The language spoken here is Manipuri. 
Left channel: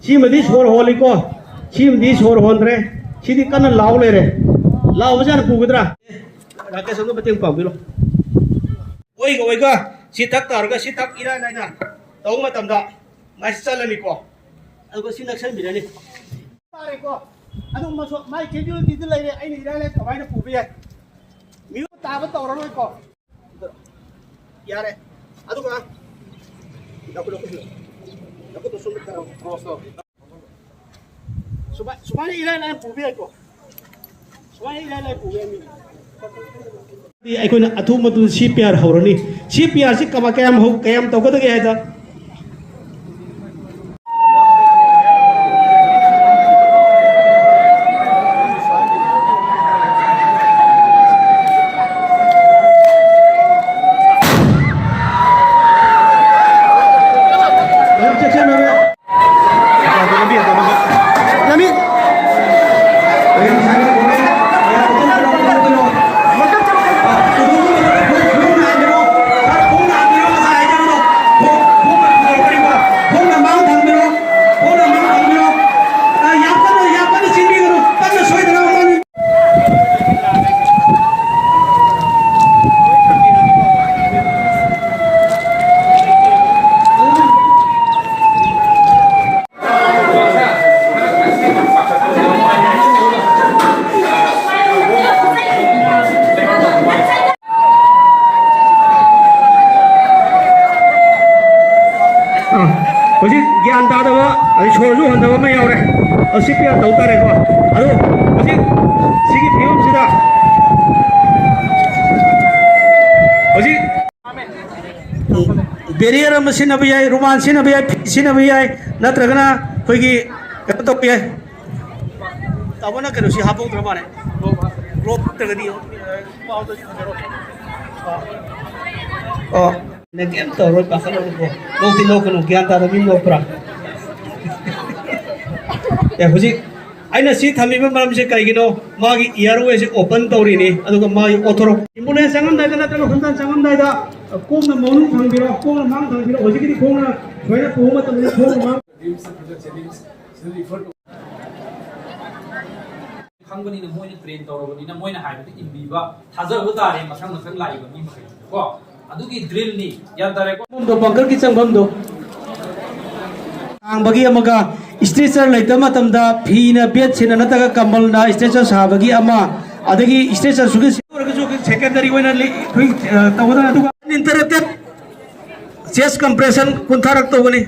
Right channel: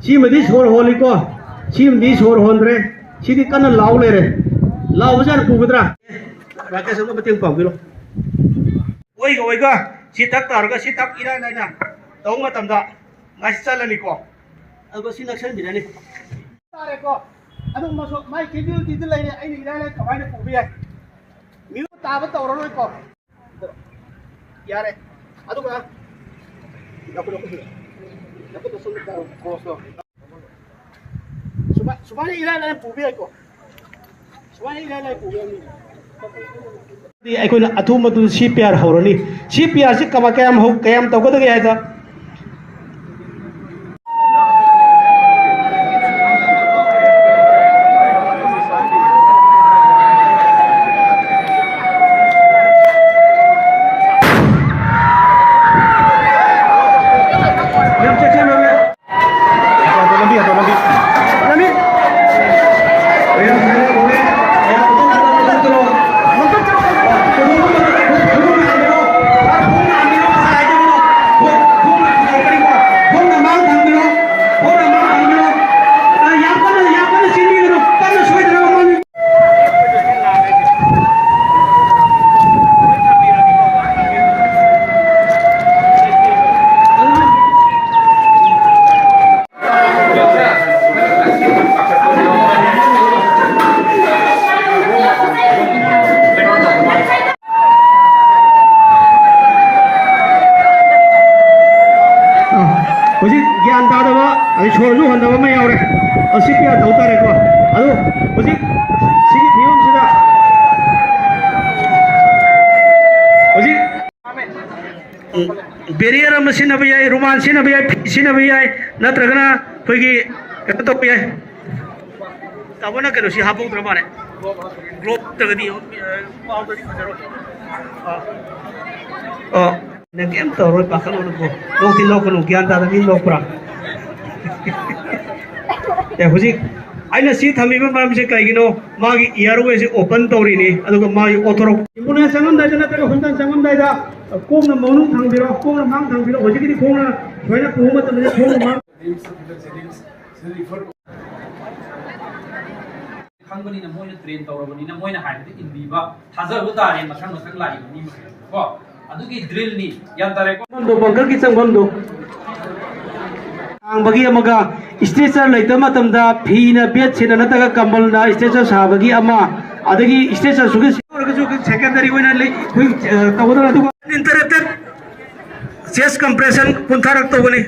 시험디 소리 홀리고 시험디 소리 혼드래 시디 까는 라울래래 라우자는 부그더라 라켓은 거 버팅 뻥비로 오이가 시탁 따르가 시탁 일하나이나 더욱 마탐다 맛이 잘라니고 아이고 신학생 미래니 따래고 아동 마소 마이 개들 디들라이네 아이는 일하나 가와이나 부비야 미우 따바 떠오르고 야래 아동아 나도 손을 따라 고서 수반에 일하는 부비야고 수반에 일하는 부비야니 ꯑꯩꯈꯣꯏꯅ ꯑꯊꯨꯕ CPR ꯍꯧꯔꯅꯤ CPR ꯁꯤ ꯀꯌꯥꯝ ꯇꯧꯒꯗꯒꯦ ꯍꯥꯏꯗ ꯍꯧꯖꯤꯛ ꯒ꯭ꯌꯥꯟ ꯇꯥꯗꯕ ꯑꯗꯩ ꯁꯣꯔꯁꯨ ꯍꯣꯟꯗꯕ ꯑꯃ ꯌꯥꯎꯔꯦ CPR ꯇꯧ ꯇꯥꯔꯦꯀꯣ ꯑꯗꯨ ꯍꯧꯖꯤꯛ ꯁꯤꯒꯤ ꯐꯤꯕꯝꯁꯤꯗ ꯍꯧꯖꯤꯛ ꯕꯦꯔꯤꯌꯔ ꯑꯃ ꯁꯤꯖꯤꯟꯅꯕ ꯌꯥꯏ ꯔꯨꯃꯥꯟ ꯁꯤꯖꯤꯟꯅꯕ ꯌꯥꯏ ꯐꯤ ꯁꯤꯖꯤꯟꯅꯕ ꯌꯥꯏ ꯅꯠꯇ꯭ꯔꯒꯅ ꯑꯩꯈꯣꯏꯒꯤ ꯀꯩꯅꯣ ꯇꯧꯕ ꯌꯥꯏ ꯇꯥꯃꯣꯅ ꯀꯩꯅꯣꯁꯤ ꯍꯥꯞꯄꯧꯗ꯭ꯔ ꯃꯥꯜꯂꯦ ꯒ꯭ꯂꯣꯞ ꯅꯠꯇ꯭ꯔꯒꯗꯤ ꯄꯥꯎꯗꯗꯤ ꯐꯖꯔꯣꯏ ꯅꯪ ꯀꯩꯝ ꯇꯧꯔꯣꯏ ꯄꯥꯈꯠꯂꯨꯅꯨꯀꯣ ꯅꯣꯛꯇꯤ ꯅꯣꯛꯀꯅꯨ ꯒ꯭ꯌꯥꯟ ꯇꯥꯗꯕꯤ ꯅꯣꯛꯄ꯭ꯔꯥ ꯍꯧꯖꯤꯛ ꯑꯩꯅ ꯁꯤ ꯊꯝꯃꯤꯕ ꯃꯔꯝꯁꯦ ꯀꯩꯒꯤꯅꯣ ꯃꯥꯒꯤ ꯏꯌꯥꯔꯋꯦꯁꯦ ꯑꯣꯄꯟ ꯇꯧꯔꯤꯅꯤ ꯑꯗꯨꯒ ꯃꯥꯒꯤ ꯑꯣꯊꯣꯔꯛ ꯑꯦꯝꯕꯨꯂꯦꯟꯁ ꯆꯪꯉꯝꯗꯥꯏꯗ ꯅꯠꯇ꯭ꯔꯒ ꯍꯣꯁꯄꯤꯇꯥꯜ ꯆꯪꯉꯝꯗꯥꯏꯗ ꯈꯣꯡꯅ ꯃꯅꯨꯡ ꯊꯥꯡꯕꯤꯔꯣ ꯈꯣꯡꯅ ꯃꯥꯡ ꯊꯥꯡꯕꯤꯔꯣ ꯍꯧꯖꯤꯛꯀꯤꯗꯤ ꯈꯣꯡꯅ ꯁꯣꯏꯅ ꯄꯨꯕ ꯃꯇꯝꯗ ꯈꯣꯡꯅ ꯃꯥꯡ ꯈꯪꯕꯅꯤꯅ ꯃꯣꯏꯅ ꯇ꯭ꯔꯦꯟ ꯇꯧꯔꯕꯅꯤꯅ ꯃꯣꯏꯅ ꯍꯥꯏꯕꯗ ꯏꯟꯕꯤꯕ ꯊꯥꯖꯕ ꯇꯥꯔꯦ ꯃꯊꯪ ꯂꯥꯛꯏꯕ ꯃꯤ ꯃꯈꯩꯀꯣ ꯑꯗꯨꯒꯤ ꯗ꯭ꯔꯤꯜꯅꯤ ꯒ꯭ꯌꯥꯟ ꯇꯥꯔꯦꯀꯣ ꯕꯪꯀꯔꯒꯤ ꯆꯪꯐꯝꯗꯣ ꯍꯥꯡꯕꯒꯤ ꯑꯃꯒ ꯏꯁꯇ꯭ꯔꯦꯆꯔ ꯂꯩꯇꯕ ꯃꯇꯝꯗ ꯐꯤꯅ ꯕꯦꯠꯁꯤꯅ ꯅꯠꯇ꯭ꯔꯒ ꯀꯝꯕꯜꯅ ꯏꯁꯇ꯭ꯔꯦꯆꯔ ꯁꯥꯕꯒꯤ ꯑꯃ ꯑꯗꯒꯤ ꯏꯁꯇ꯭ꯔꯦꯆꯔ ꯁꯨꯒ ꯑꯣꯏꯔꯒꯁꯨ ꯁꯦꯀꯦꯟꯗꯔꯤ ꯑꯣꯏꯅ ꯑꯩꯈꯣꯏ ꯇꯧꯒꯗꯕ ꯑꯗꯨꯒ ꯏꯟꯇꯔꯦꯛꯇꯦꯠ ꯆꯦꯁ ꯀꯝꯄ꯭ꯔꯦꯁꯟ ꯀꯨꯟꯊꯔꯛ ꯇꯧꯒꯅꯤ